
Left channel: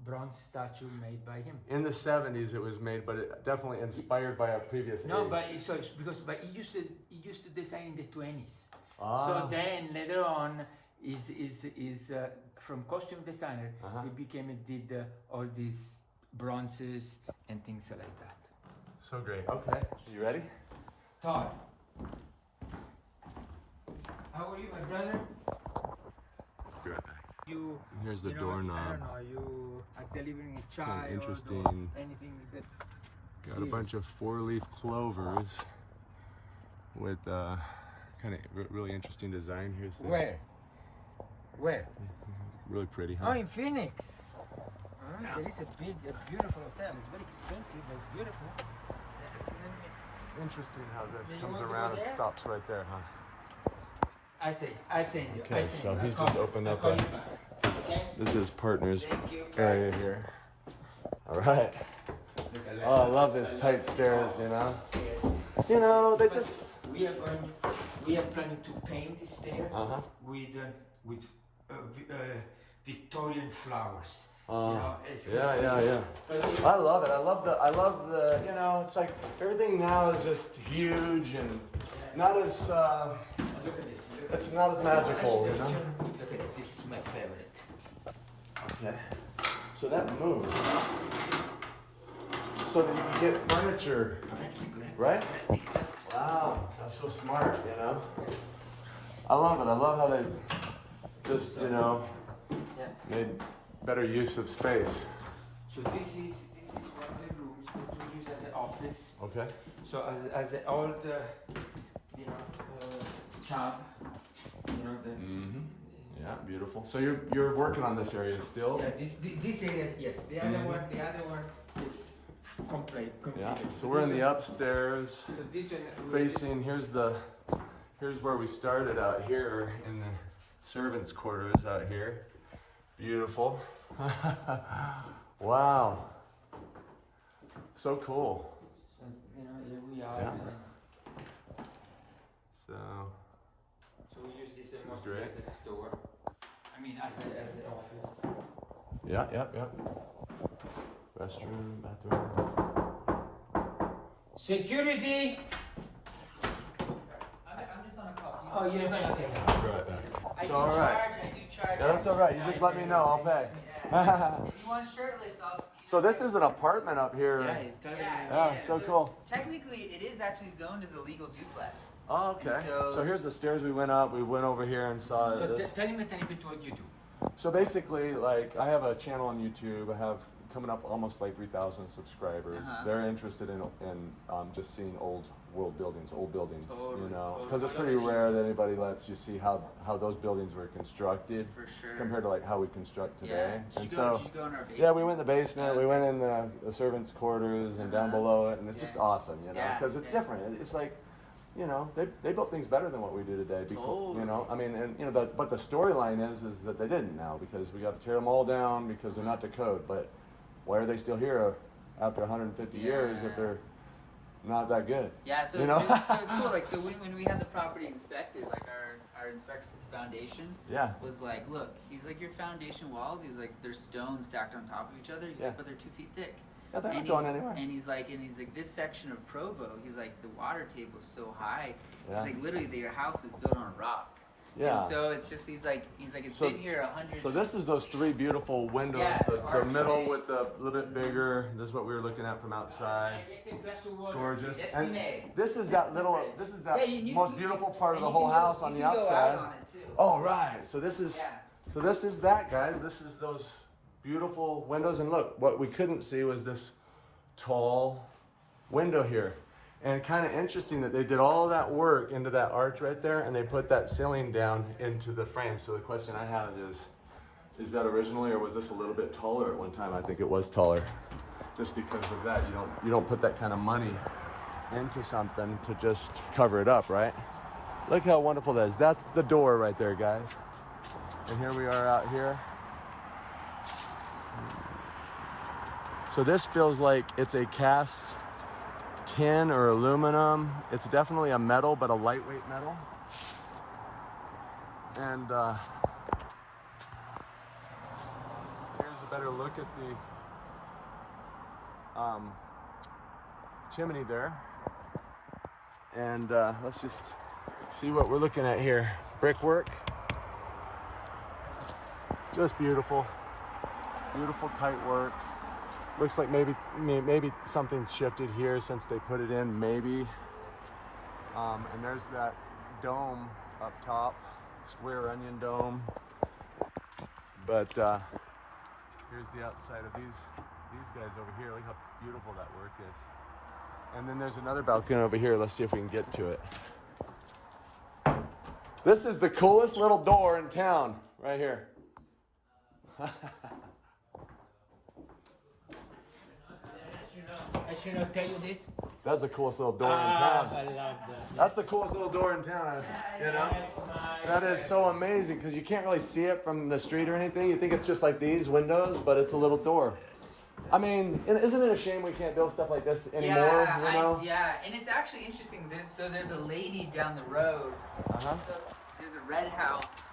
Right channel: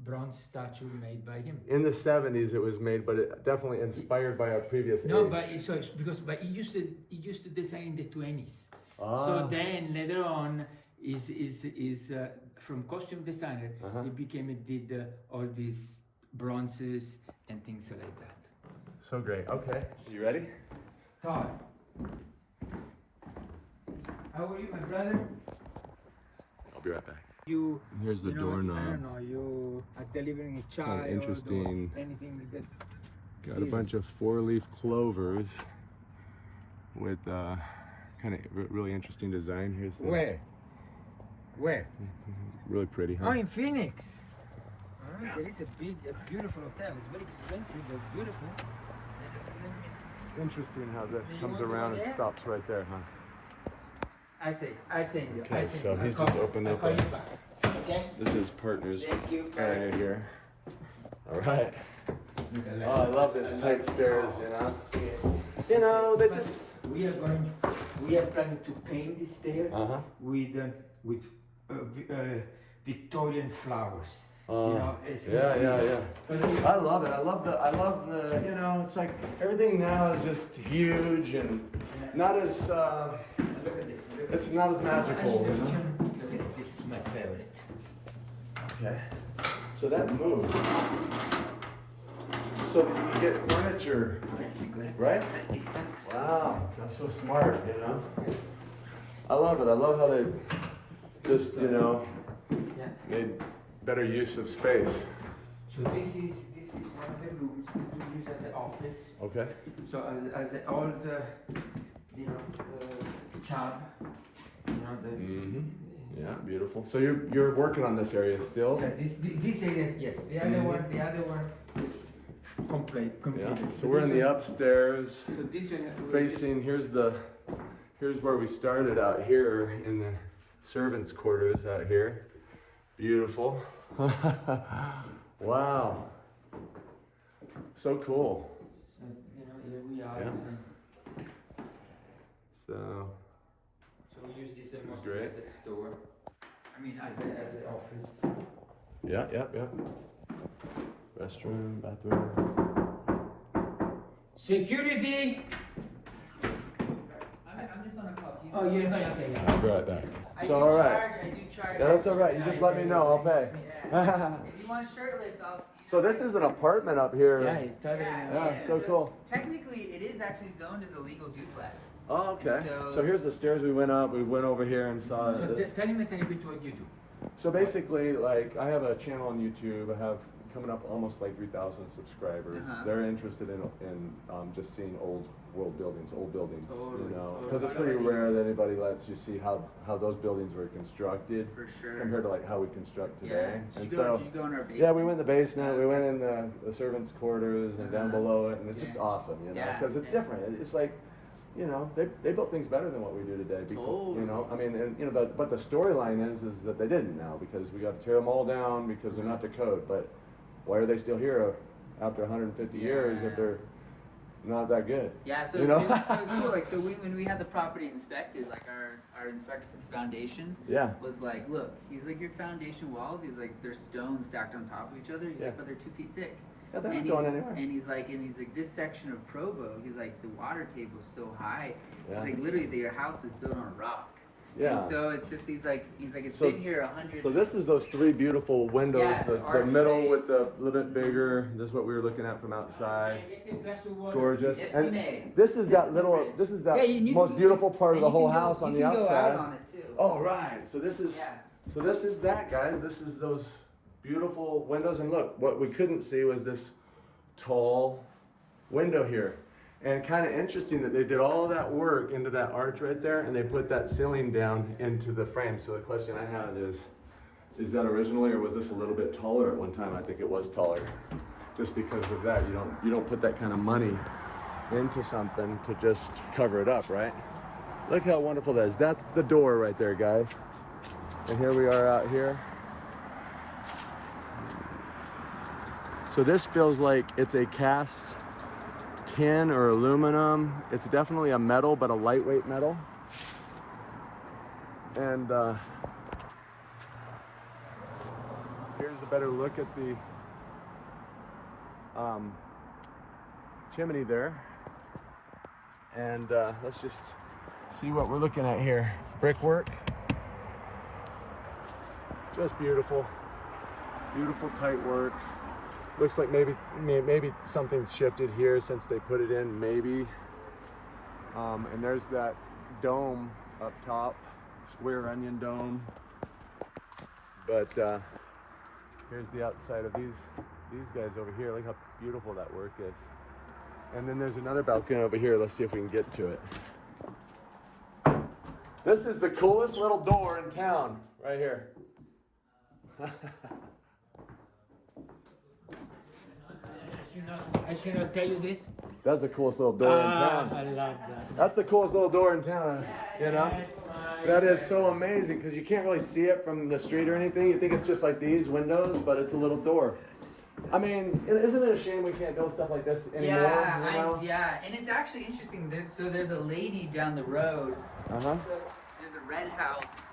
bronze statue made by him. In the 70s it was made, but it definitely inspired by a previous age. But he used to design in the 20s. So then later on is from costume designer he did all these bronzes and things like that. So great. Okay, you ready? Tom, how are you, my brother? I'll be right back. You Here's the know, doorknob. I don't know, you are delivering a child. Kind of interesting. Or anything that. Got a bunch of 4-leaf clovers with kind of really interesting design. Here's the. Where? Really pretty, huh? Oh, in Phoenix. There is a beautiful hotel. It's very expensive, but it's beautiful. Interesting how this comes around and stops right there, huh? I send you. Okay, so he's just opened up this is his partner's area here. All right. Oh, I love this tight stairs, you know. You know, they just. We are planning to paint this stair with Victorian flowers. Yeah. I love it. I love the. You know, it's like everything now is just huge and not as. Look at this. It's not as magical, you know. Look at this. This is my favorite. Okay. So that moves. So that you can get furniture, right? Exactly. Wow, that's so smart, you know. I love it. I love how they just, you know, made better use of space. So this is one of the rooms that we use as an office. Okay. So as an old, tub, Yeah, beautiful. So you're working on this area still? Yeah, this area, yes. The other one is complete. Yeah. So we're in the upstairs, So this one facing. Here's where we started out here in the servants' quarters out here. Beautiful. Wow. So cool. So, here we are. Yeah. So we use this is as great. a store. I mean, as an office. Yeah. Restroom, bathroom. Security! I'm just on a call. Oh, you're gonna take it. I'll be right back. I So do all right. charge, I do charge. Yeah, that's all right. You just let me know. I'll pay. If you want shirtless, So this is an apartment up here. Yeah, it's totally. Yeah, so cool. Technically, it is actually zoned as a legal duplex. Oh, okay. And So here's the stairs we went up. We went over here and saw So this. tell me what you do. So basically, like, I have a channel on YouTube. I have coming up almost like 3,000 subscribers. They're interested in just seeing old buildings, you know, because it's pretty rare that anybody lets you see how those buildings were constructed For sure. compared to like how we construct today. Yeah. And Did so, you go in our basement? yeah, we went in the basement. We went in the servants' quarters and down below it, and it's just Yeah. awesome, you know, Yeah. because it's different. It's like, you know, they built things better than what we do today. You know, I mean, and you know, but the storyline is that they didn't now because we got to tear them all down because they're not to code. But why are they still here after 150 years if they're not that good? Yeah, so you know? it's cool. Like, so when we had the property inspected, like our inspector for the foundation was like, look, he's like, your foundation walls, he's like, they're stones stacked on top of each other. He's like, but they're 2 feet thick. Yeah, they're not going anywhere. And he's like, this section of Provo, he's like, the water table is so high. Yeah. He's like, literally, your house is built on rock. Yeah. And so it's just it's been here 100. So this is those 3 beautiful windows. Yeah, the middle with the little bit bigger. This is what we were looking at from outside. Gorgeous. And this is that little. This is that most beautiful part of the whole house on the outside. Oh right. So this is. So this is that, guys. This is those beautiful windows. And look, what we couldn't see was this tall window here. And kind of interesting that they did all of that work into that arch right there, and they put that ceiling down into the frame. So the question I have is, Is that originally, or was this a little bit taller at one time? I think it was taller. Just because of that, you don't put that kind of money into something to just cover it up, right? Look how wonderful that is. That's the door right there, guys. And here we are out here. So this feels like it's a cast tin or aluminum. It's definitely a metal, but a lightweight metal. And here's a better look at the chimney there. And let's just see what we're looking at here. Brickwork. Just beautiful. Beautiful tight work. Looks like maybe something's shifted here since they put it in, maybe. And there's that dome up top, square onion dome. But here's the outside of these guys over here. Look how beautiful that work is. And then there's another balcony over here. Let's see if we can get to it. This is the coolest little door in town, right here. I should not tell you this. That's the coolest little door in town. I love that. That's the coolest little door in town, you know? That is so amazing because you can't really see it from the street or anything. You think it's just like these windows, but it's a little door. I mean, isn't it a shame we can't build stuff like this anymore? Yeah, you know? and it's actually interesting. There's a lady down the road. Uh-huh. So there's a red house.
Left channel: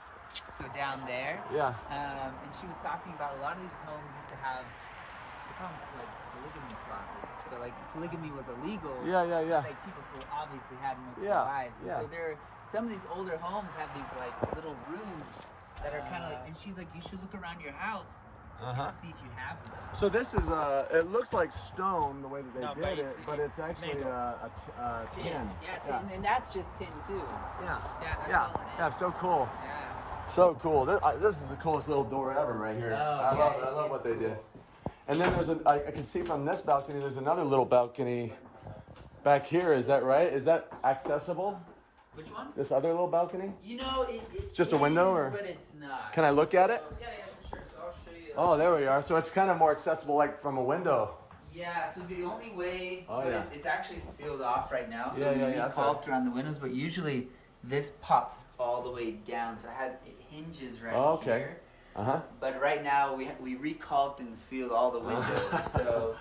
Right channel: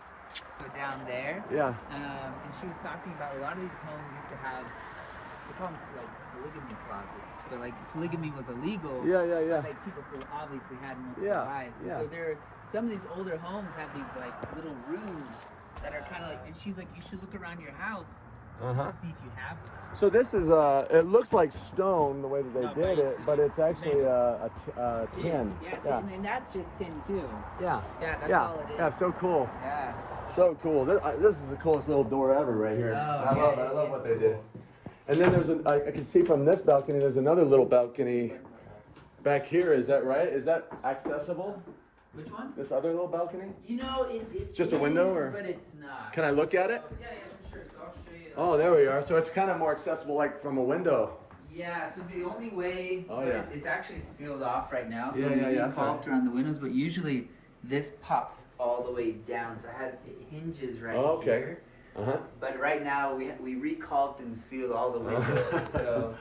So down there. Yeah. And she was talking about a lot of these homes used to have, they call them like polygamy closets, but like polygamy was illegal. Yeah. Like people so obviously had multiple Yeah, wives. And yeah. so some of these older homes have these like little rooms that are kind of like, and she's like, you should look around your house. Uh-huh. See if you have them. So this is it looks like stone the way that they did it, but it's actually a tin. Yeah, and that's just tin too. Yeah. Yeah, that's Yeah. all it is. Yeah, so cool. Yeah. So cool. This is the coolest little door ever right here. I love what they did. And then there's I can see from this balcony, there's another little balcony back here. Is that right? Is that accessible? Which one? This other little balcony? You know, it's just a window, or? But it's not. Can I look at it? Yeah, for sure. So I'll show you. Oh, there we are. So it's kind of more accessible, like from a window. Yeah. So the only way, it's actually sealed off right now. So Yeah, that's caulked around the windows, but usually this pops all the way down, so it hinges right here. Uh-huh. But right now we recalked and sealed all the windows. So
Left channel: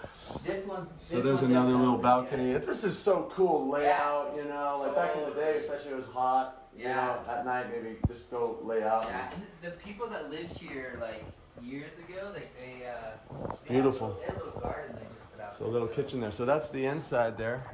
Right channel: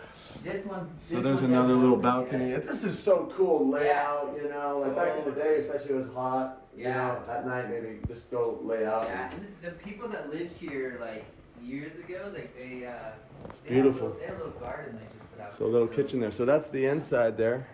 this one's. So there's another little balcony. This is so cool layout, you know. Like back in the day, especially it was hot. You know, at night maybe just go lay out. Yeah, and the people that lived here like years ago, like it's beautiful. They had a little garden they just put out. So a little kitchen there. So that's the inside there.